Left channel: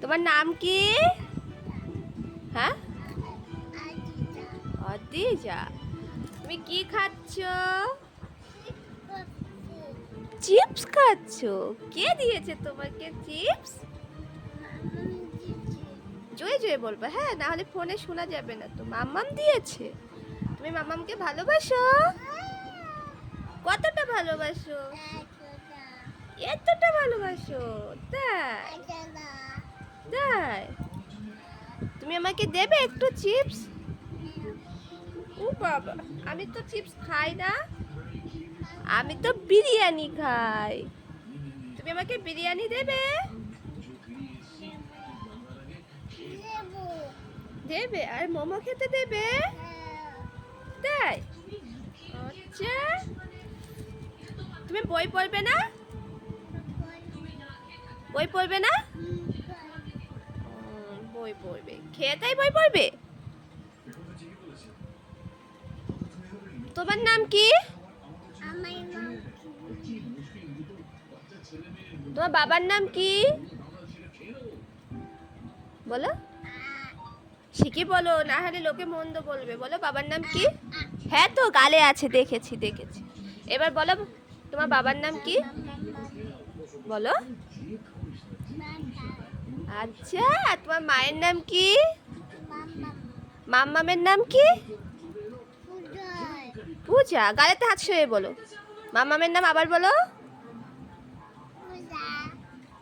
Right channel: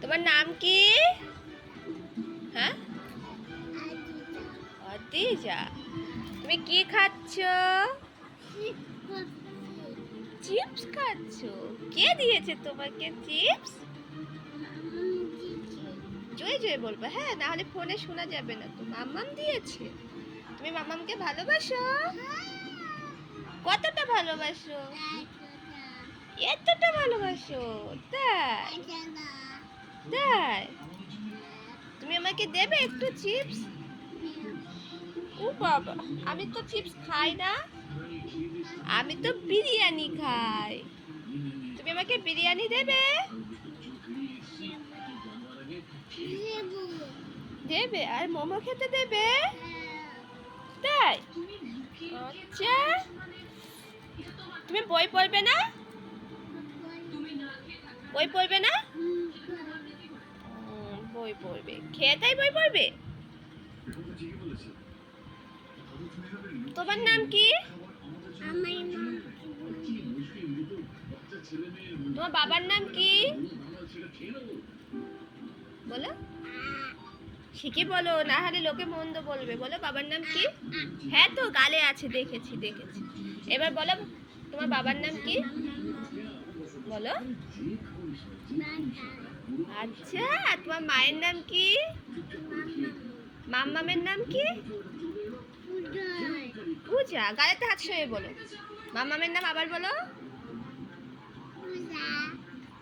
তোমার নাম কি? হ্যাঁ? অদিজা। তুমি কি খাচ্ছ? চিপস খাচ্ছ? কে দিয়েছে তোমাকে চিপস? জোরে জোরে বলব হ্যাঁ না হলে ফোনে শোনা যাবে না তো। মাম্মাম দিয়েছে। তুমি মাম্মামকে ভালোবাসো? কতটা ভালোবাসো? এতটা। ভালোবাসো তাই? তাই তুমি আমাকে দেবে একটু চিপস? ও বাবা আমি তো চিপস খাই না। আমি তো বিরিয়ানি খাই। তুমি আমাকে বিরিয়ানি দেবে? দেবে। আর মোমো খেতে দেবে? তাই? আচ্ছা। তুমি বই পড়বে না? বই পড়বে না? বই পড়বে। খেতেই বই পড়বে? তোমার নাম কি? তোমার বাবার নাম কি? বলো। শিখি বলো না হলে লোকে মন্দ বলবে। বলো বাবার নাম কি? হ্যাঁ তো গালে আছে দেখেছি দেখেছি। এবার বলো তোমার বাবার নাম কি? বলো। আচ্ছা তোমার মায়ের নাম কি? মাম্মামের নাম কি? পূজা গালেতে হাত শুয়ে বলো। মাম্মামের নাম আবার বলো।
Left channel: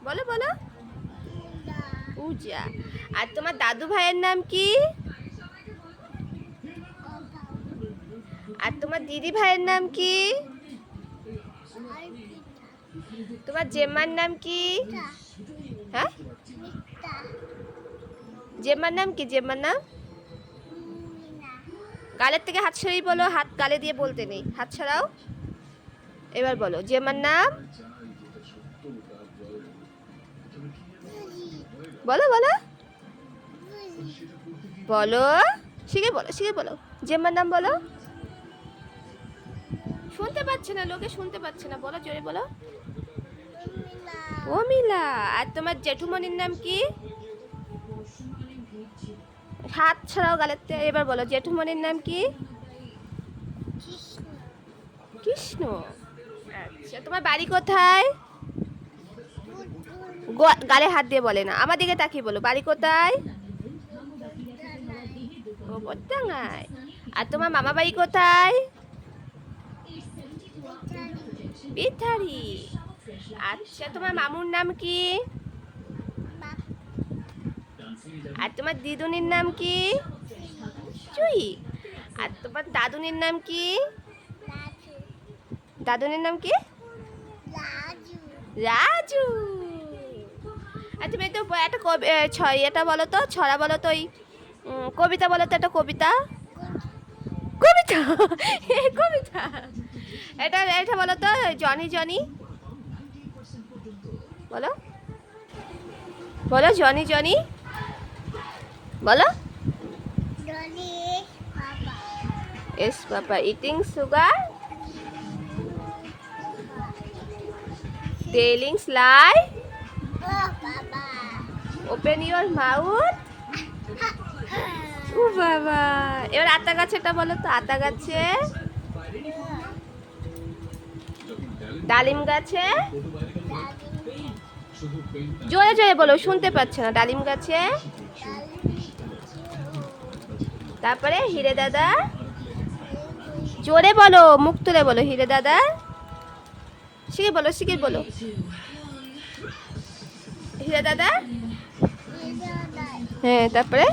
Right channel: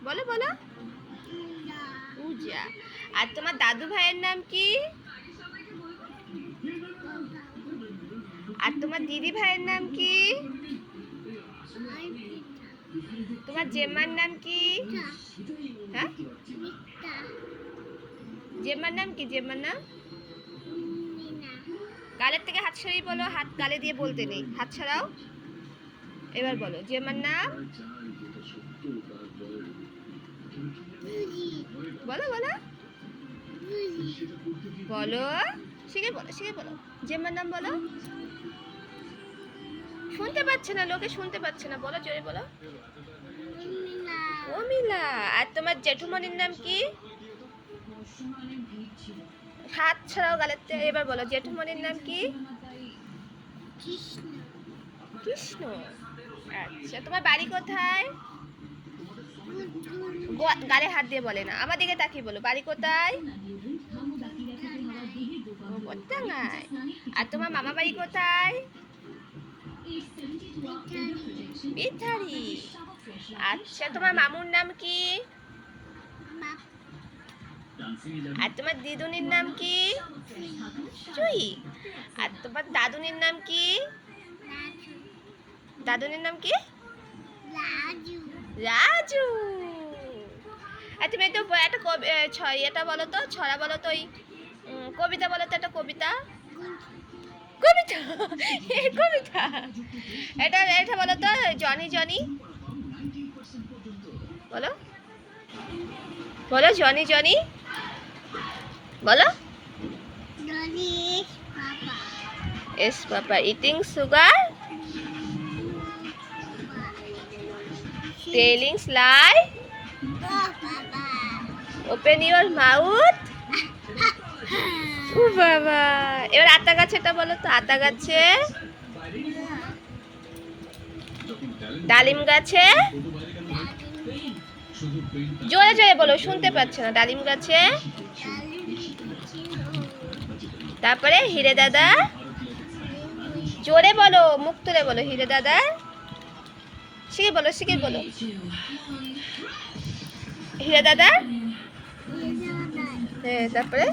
বলো বলো। পূজা। আর তোমার দাদু ভাইয়ের নাম কি? আর তোমার দিদি ভাইয়ের নাম কি? তোমার জেম্মার নাম কি? হ্যাঁ? জেম্মার নাম কি? জেম্মার নাম? গালের থেকে হাত সরিয়ে বলো হাত গালে দিয়ে বলতে নেই। হাত ছাড়াও এবার বলো জেম্মার নাম? বলো বলো। বলো শিখে বলো শিখে বলো। জেম্মার নাম বলো। শুনতে পাচ্ছে না লোকে শুনতে পাচ্ছে না। বলো জোরে বলো। ও মিলা আর তোমার জেঠুমনির নাম কি? হাত ছাড়াও গালের এবার বলো জেঠুমনির নাম কি? কৃষ্ণ। আচ্ছা তোমার বাড়ি কোথায়? গালে হাত দিয়ে বলে না। আমার দিকে তাকিয়ে বলো বাড়ি কোথায়? আর তোমার মামা বাড়ি কোথায়? বিথারি আচ্ছা তোমার মামুর নাম কি? আর তোমার দিদুনির নাম কি? চুই। আর তোমার দাদুনির নাম কি? দাদুনির নাম কি? রাজু। আর তুমি একটু একটা কবি এ, ছ- এটা বলো তো ছড়া বলো তো ওই কবিতা বলো তো একটা কবিতা। কবিতা এ, কবিতা এটা এটা বলো তো জনি জনি। বলো। বলো জনি জনি। বলো। Yes papa. Eating sugar telling sly open your mouth বাবা। এবার আতা গাছেটা বলো তো, আতা গাছে? ডালিম গাছে? জোরে জোরে বলো, শুনতে পাচ্ছে না, ডালিম গাছে? তারপরে হিরে দাদা? জোরে বলো, মুখ তুলে বলো, হিরে দাদা। শিখে বলো শিখে বলো। হিরে দাদা? হ্যাঁ তারপরে?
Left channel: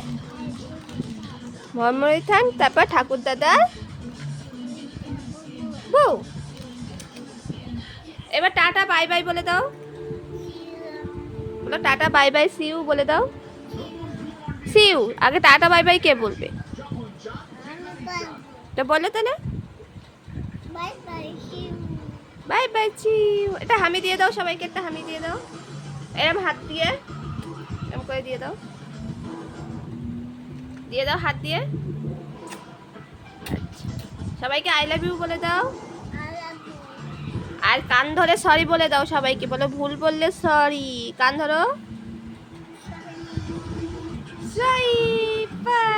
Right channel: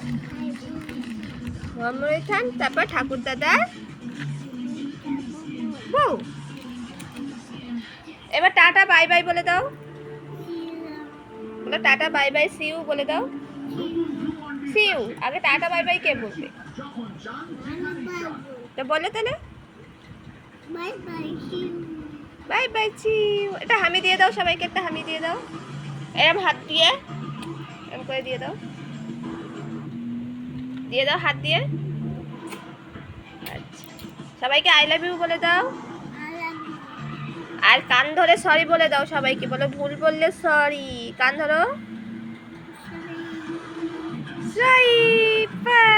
মোহাম্মদ খান তারপর ঠাকুর দাদা। বউ এবার টাটা, বাই বাই বলে দাও। বলো টাটা, বাই বাই সিউ বলে দাও। সিউ আগে টাটা, বাই বাই কে বলবে? তো বলে তাহলে। বাই বাই চিউ এটা হামি দিয়ে দাও, সবাইকে একটা হামি দিয়ে দাও। এরম হাত দিয়ে, এরম করে দিয়ে দাও। দিয়ে দাও হাত দিয়ে। আচ্ছা। সবাইকে আই লাভ ইউ বলে দাও। আর কান ধরে সরি বলে দাও সবাইকে। বলো ভুল বললে সরি কান ধরো। Sorry bye